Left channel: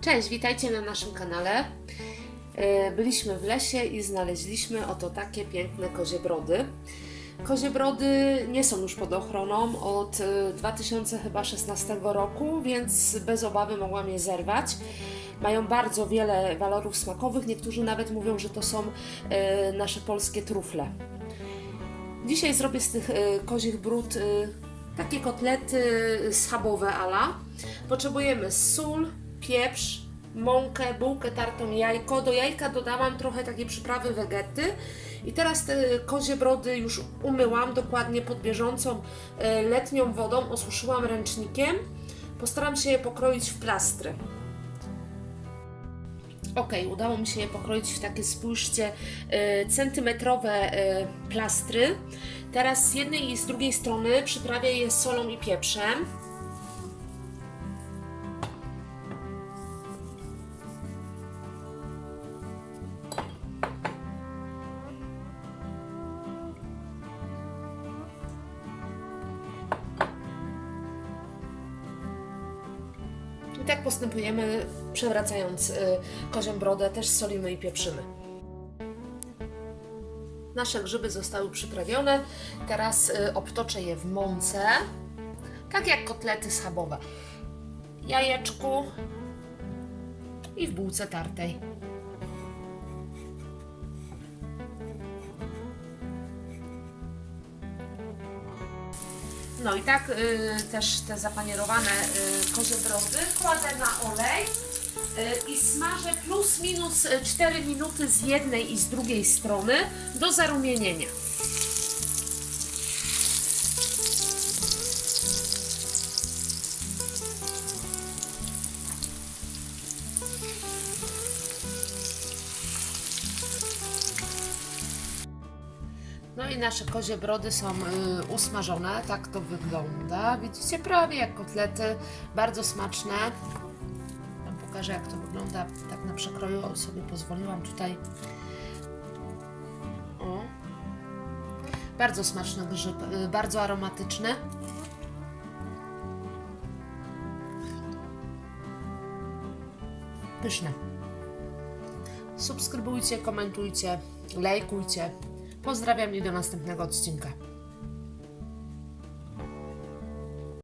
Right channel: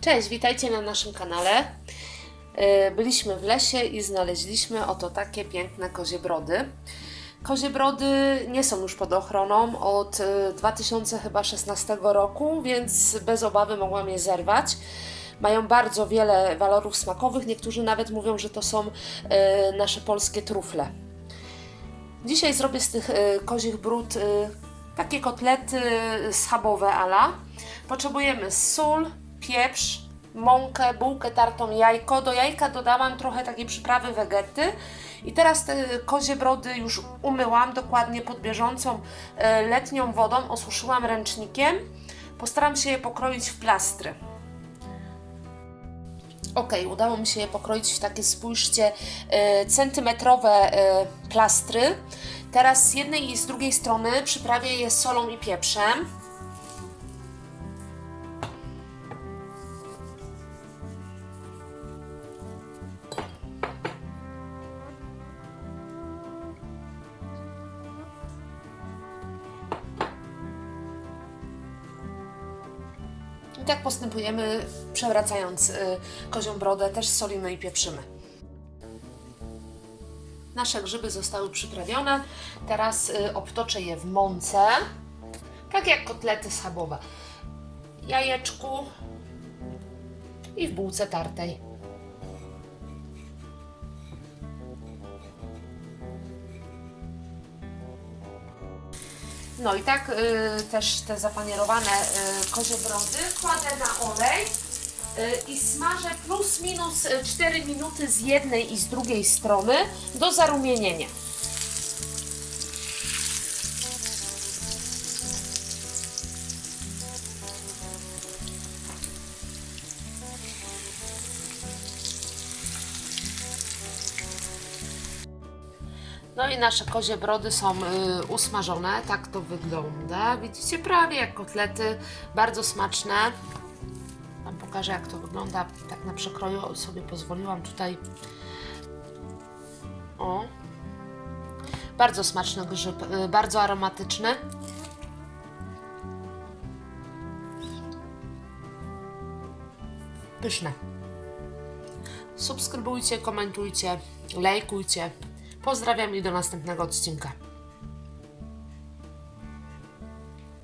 Cześć, witajcie na naszym kanale. E, Byliśmy w lesie i znaleźliśmy oto takie piękne kozie brody. Kozie brody nie są już pod ochroną od e, 2016 roku, więc bez obawy mogłam je zerwać. Mają bardzo wiele walorów smakowych. Niektórzy nawet mówią, że to są e, nasze polskie trufle. Dzisiaj zrobię z tych e, kozich brud e, takie kotlety schabowe ala. Potrzebujemy sól, pieprz, mąkę, bułkę tartą, jajko. Do jajka dodałam trochę takiej przyprawy wegety. I teraz te kozie brody już umyłam dokładnie pod bieżącą e, letnią wodą, osuszyłam ręcznikiem. Postaram się je pokroić w plastry. Ok, udało mi się je pokroić w takie, spójrzcie, e, centymetrowe e, plastry. Teraz z jednej i z drugiej strony przyprawię je solą i pieprzem. Tak postępujemy, przewracając y, kozią brodę, też solimy i pieprzymy. Nasze grzyby zostały przyprawione. Teraz y, obtoczę je w mące, tak jak kotlety schabowe. Jajeczku i w bułce tartej. No i tak y, też te zapanierowane y, kozie brody kładę na olej y, i smażę plus minus y, 4 minuty z jednej i z drugiej strony do zarumienienia. No i nasze kozie brody są y, usmażone, tak to wygląda. Widzicie, prawie jak kotlety, bardzo smaczne. Wam pokażę jak to wygląda, tak na przekroju sobie pozwoliłam tutaj. O. Bardzo smaczny grzyb, y, bardzo aromatyczny. Pyszne. Subskrybujcie, komentujcie, lajkujcie. Pozdrawiam i do następnego odcinka.